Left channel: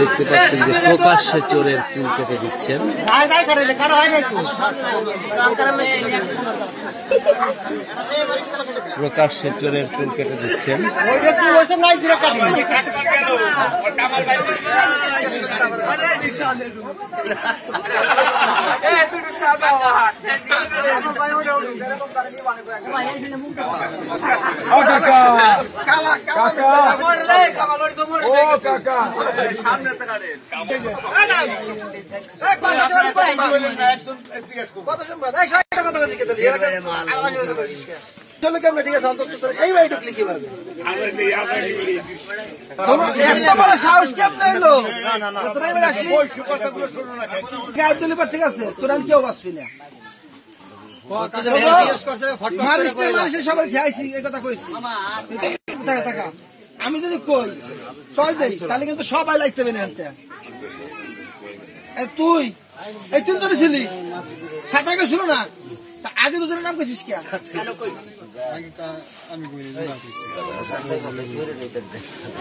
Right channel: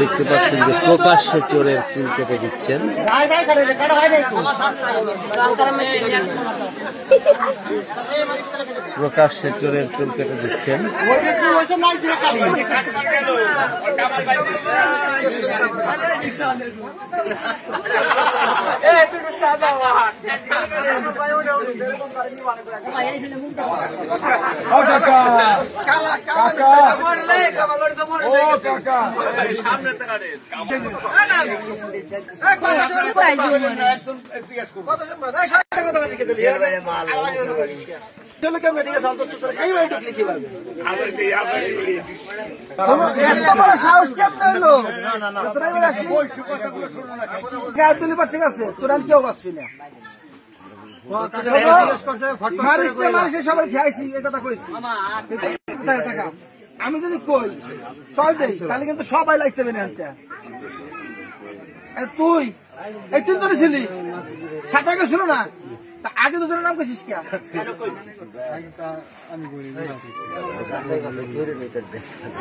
দেখতে পাচ্ছেন যে প্রকাশ্যে চোরের চুল কেটে দিচ্ছেন। প্রকাশ্যে চোরের চুল কেটে দিচ্ছেন। ঠিক আছে এই বাড়ি ঢুকলে কি পারবে ঠিক আছে তোর আমি কেউ বাঁচবি না মারিস সবাই খাইছি এই কথা কইছি টাকা আমি যদি কই চল দেই তাহলে কিন্তু সবাই লাগতে হবে না তুই এই তিনজন ছিলি সাঁতার গেছিল না আগে দুজনের নাম কইছিস কে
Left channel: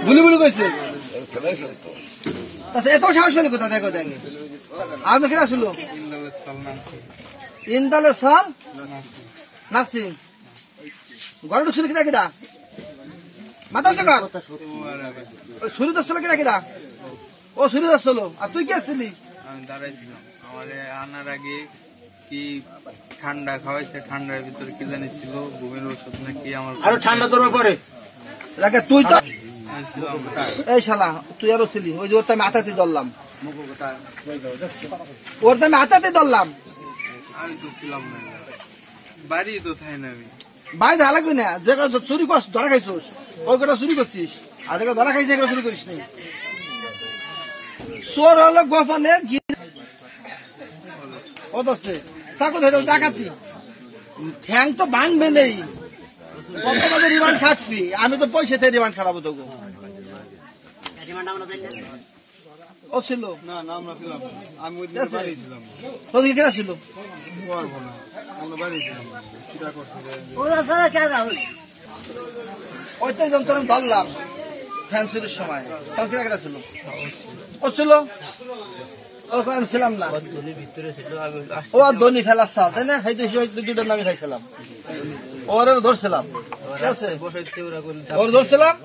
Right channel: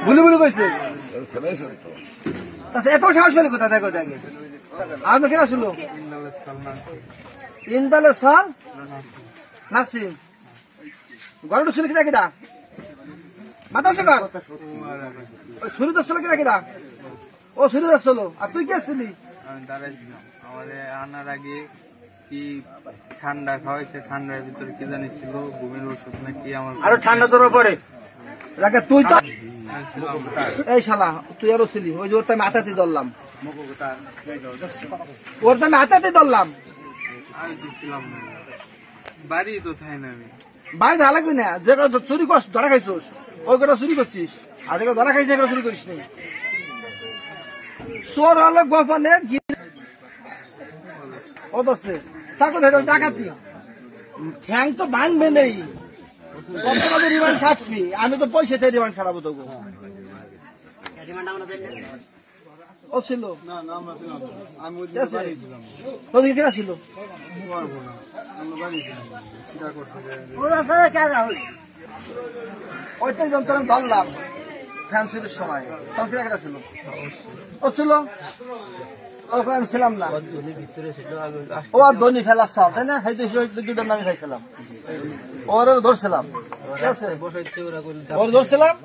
ভুলি ভুলি কইছে এত সাহস পেলে কোথায় দেখো দেখে আগে কেনা ছিল ইন্দালে সাল নাসিম ঘরে ঢুকছিল কিনা কিনা মাথা কার সুরিদ আসছিল কিনা কিনা ও সুরিদ আসছিল আর তুই কি আসছিলি আমি দাঁড়াইছিলাম আমার আনার আগে কি ঠান্ডা খাওয়াইছে ঠান্ডার ভিতরে কি জানি ছিল ঘুমের ওষুধ নাকি আমার আরো ঠান্ডা তোর পরে তুই তো এই শালা তুই আরো ছিলি ওই যে ওর আমি হাতাতে ধরলাম ওর আমি হাতাতে ধরলাম আমি তো ছিলাম না বাড়ি তো থাই না আমি বাড়ি ধরা লাগবি না যে চুরি করছিস ধরা খাইছিস ওই কটা চুরি করছিস আর যেগুলো ধরা খাইছিস এগুলো চুরি করিস নি চোর হলো গোপনে ও দছে চাকু ধরে ডাকাতি ঠ্যাং তো ভাঙবে নেই কত কাজে রিমান্ড খাটবি আমি তো পয়সাতে রিমান্ড খাটাবো তোকে ও ছিল না না আমরা ছিলাম আমি ওই বাড়ি ছিলাম তোদের কেনা ছিল পারবো না আমরা বাড়ি ছিলাম কিটা করছে ওইটাই যন্ত্র ধরলাম ফ্যান চুরির সময় তখন কেনা কেনা ছিল ও ছিল ওকে আমি ছিলাম না ও আর ধনী ফেলার সাল তাই না দুজন আমি খাইছিলাম ওর ধরছিলাম ঠিক আছে ওর ধরছিলাম